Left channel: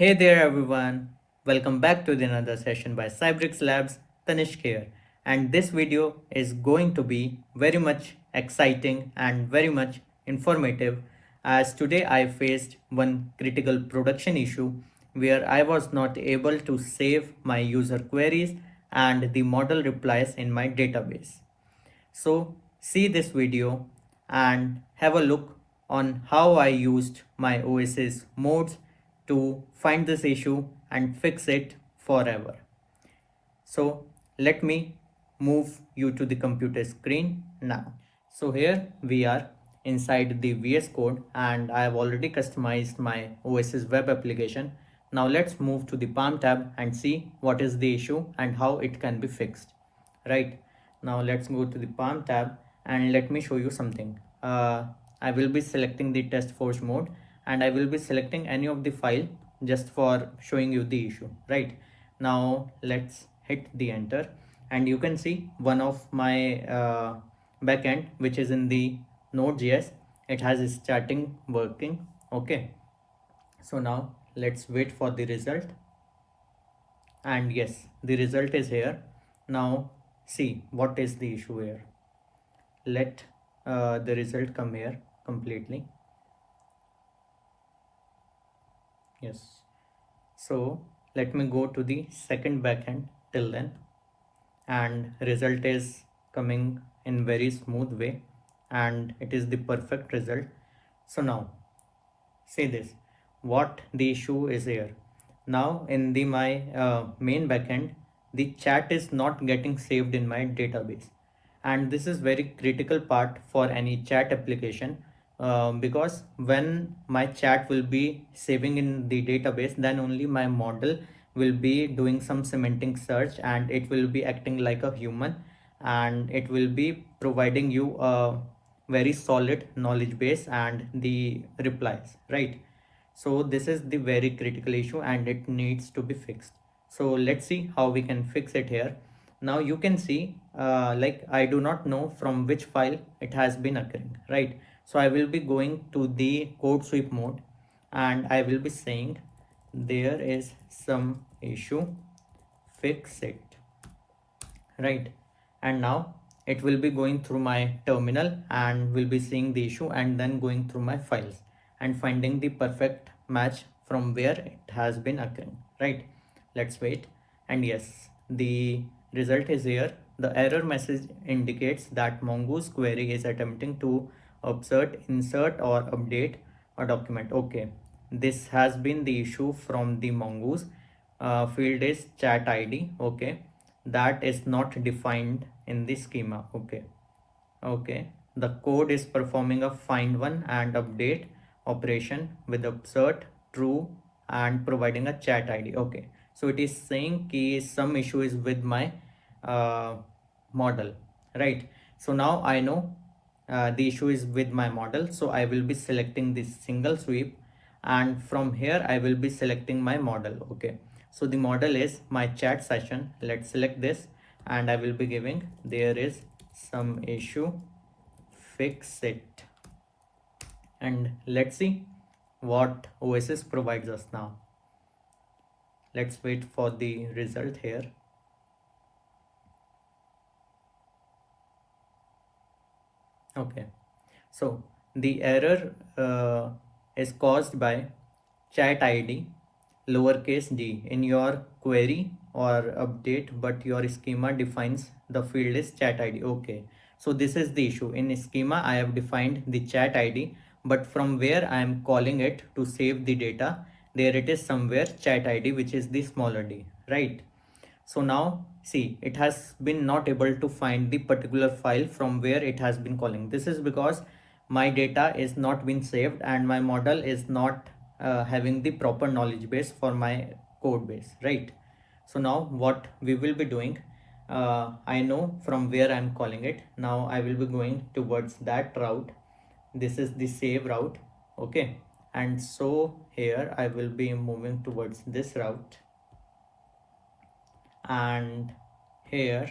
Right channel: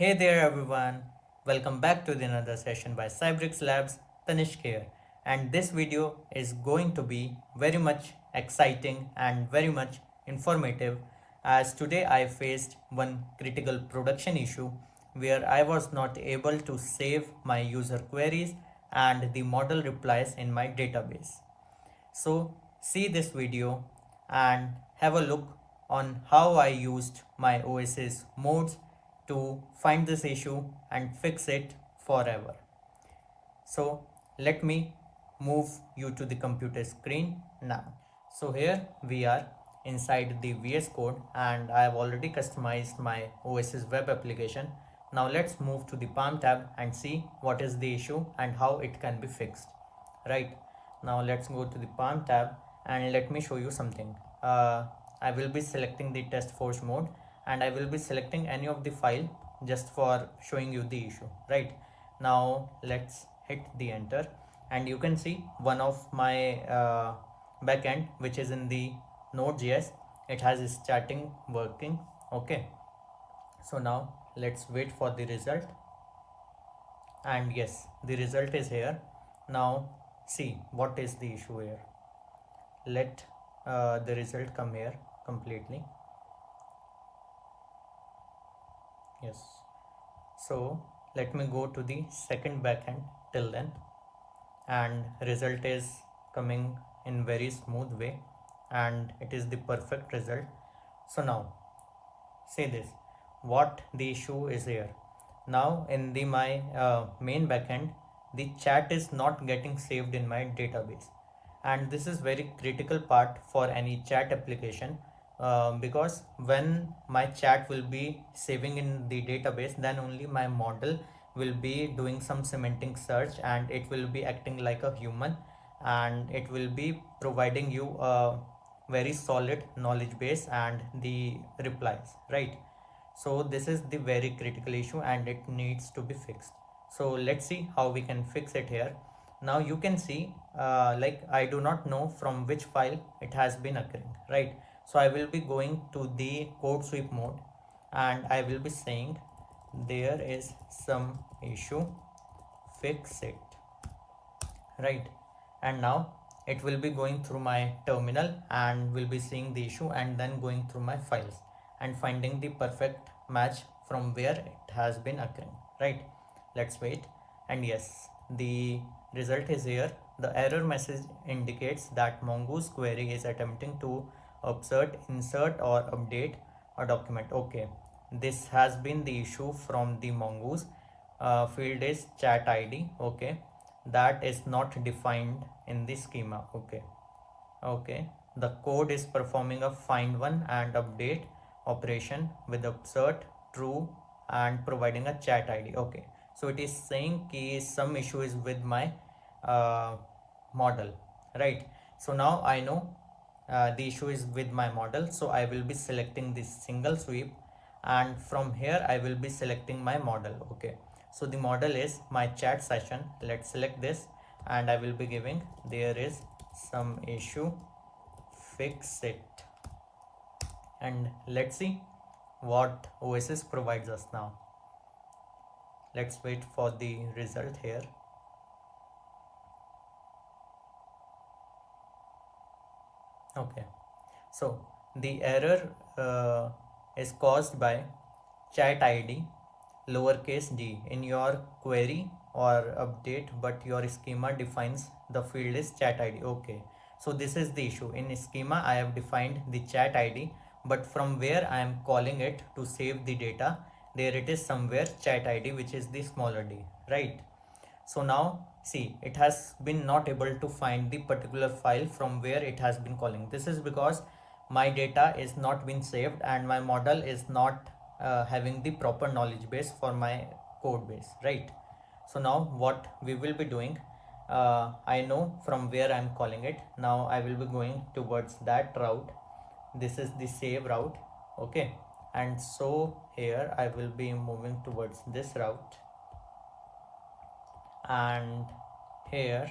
Hey there everyone, welcome back to another session by Cybrix Labs, Tanishk here. And this video is going to be very much exciting and very much informative as today I faced one critical production issue where I was not able to save my user queries and the model replies in my database. So see this video and have a look on how I used my Oasis modes to find this issue and fix it forever. So let me move you to the computer screen now. So here we are inside the VS Code and I have already customized my Oasis web application. Now let's move to the Palm tab and see what is the issue and how it can be fixed. Right, now let's go to the Palm tab and let me show you something. I will be selecting the TestForge mode and I will be selecting any of the file just for showing you the issue. Right, now let's hit the enter and you can see one of my backend which is in the node.js. It has starting working. Okay, so now let's wait for the result, and yes, the result is here. Now see what is the issue here. Let the result come here completely. Yes, so let me go to the second backend till then, and result is coming in very smooth way and it is the perfect result. So now see this, what the issue is here. Now in the my main backend, the chat is not getting saved in my database, and this is very critical part for any chat application, because when my chat will be saving in the database, then only my model will be doing some semantic search and it will be acting like a human, and it will be providing you a very solid knowledge base and the replies, right? So this is the very critical issue and it needs to be fixed. So let's see how we can fix it here. Now you can see like I do not know from which file it has been occurring, right? So I will be going to the CodeSweep mode and I will be saying there is some issue, fix it, right? And now it will be going through my terminal and will be seeing the issue and then going through my files and finding the perfect match from where it has been occurring, right? Let's wait. And yes, the result is here. The error message indicates that Mongoose query is attempting to insert or update a document. Okay, this has been the issue from the Mongoose. Field is chat ID. Okay, that is not defined in the schema. Okay, the code is performing a find one and update operation with insert true and providing a chat ID. Okay, so it is saying कि some issue is with my uh, model, right? So now I know the issue is with my model, so I will be selecting this single sweep and from here I will be selecting my model. Okay, so the model is my chat session. Let's select this and I will be giving there is some issue, fix it, and let's see what Oasis provides us now. Let's wait for the result here. Okay, so the error is caused by chat ID lowercase d in your query or update, but your schema defines the field is chat ID. Okay, so this is the issue. In schema I have defined the chat ID, but from where I am calling it to save the data, there it is somewhere chat ID, which is the smaller d, right? So now see, it has been not able to find the particular file from where it has been calling. This is because my data is not been saved and my model is not having the proper knowledge base for my code base, right? So now what we will be doing, I know from where I'm calling it. Now I will be going towards that route. This is the save route. Okay, and so here I will be moving towards this route, and here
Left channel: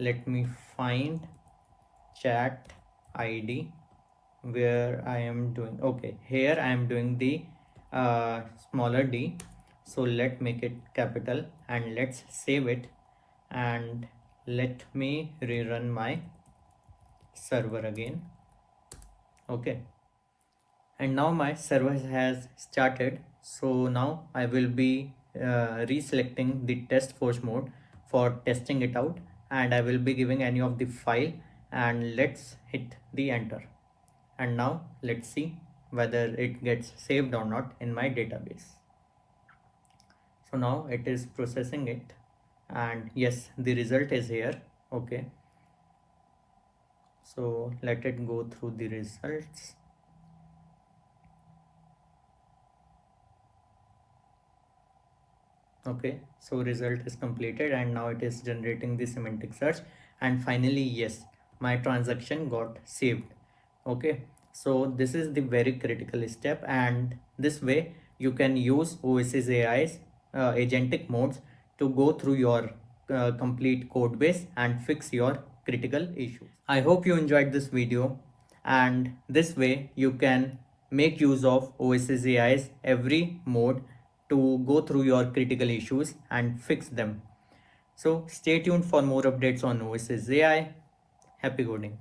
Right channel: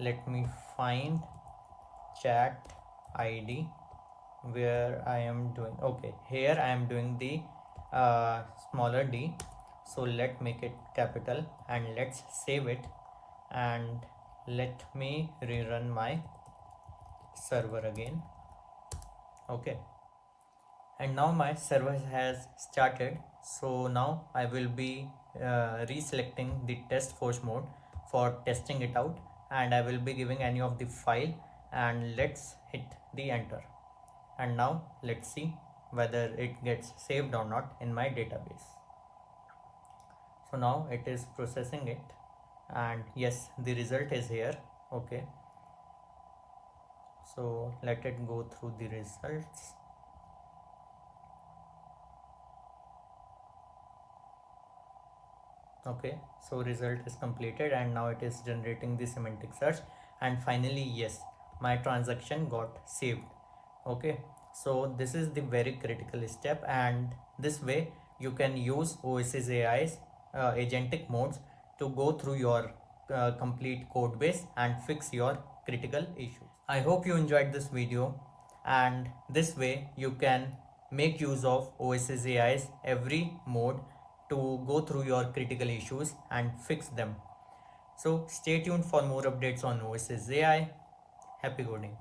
let me find chat ID where I am doing. Okay, here I am doing the smaller d. So let make it capital and let's save it, and let me rerun my server again. Okay, and now my server has started. So now I will be reselecting the TestForge mode for testing it out, and I will be giving any of the file, and let's hit the enter. And now let's see whether it gets saved or not in my database. So now it is processing it, and yes, the result is here. Okay, so let it go through the results. Okay, so result is completed, and now it is generating the semantic search, and finally yes, my transaction got saved. Okay, so this is the very critical step, and this way you can use Oasis AI's agentic modes to go through your complete code base and fix your critical issues. I hope you enjoyed this video, and this way you can make use of Oasis AI's every mode to go through your critical issues and fix them. So stay tuned for more updates on Oasis AI. Happy coding.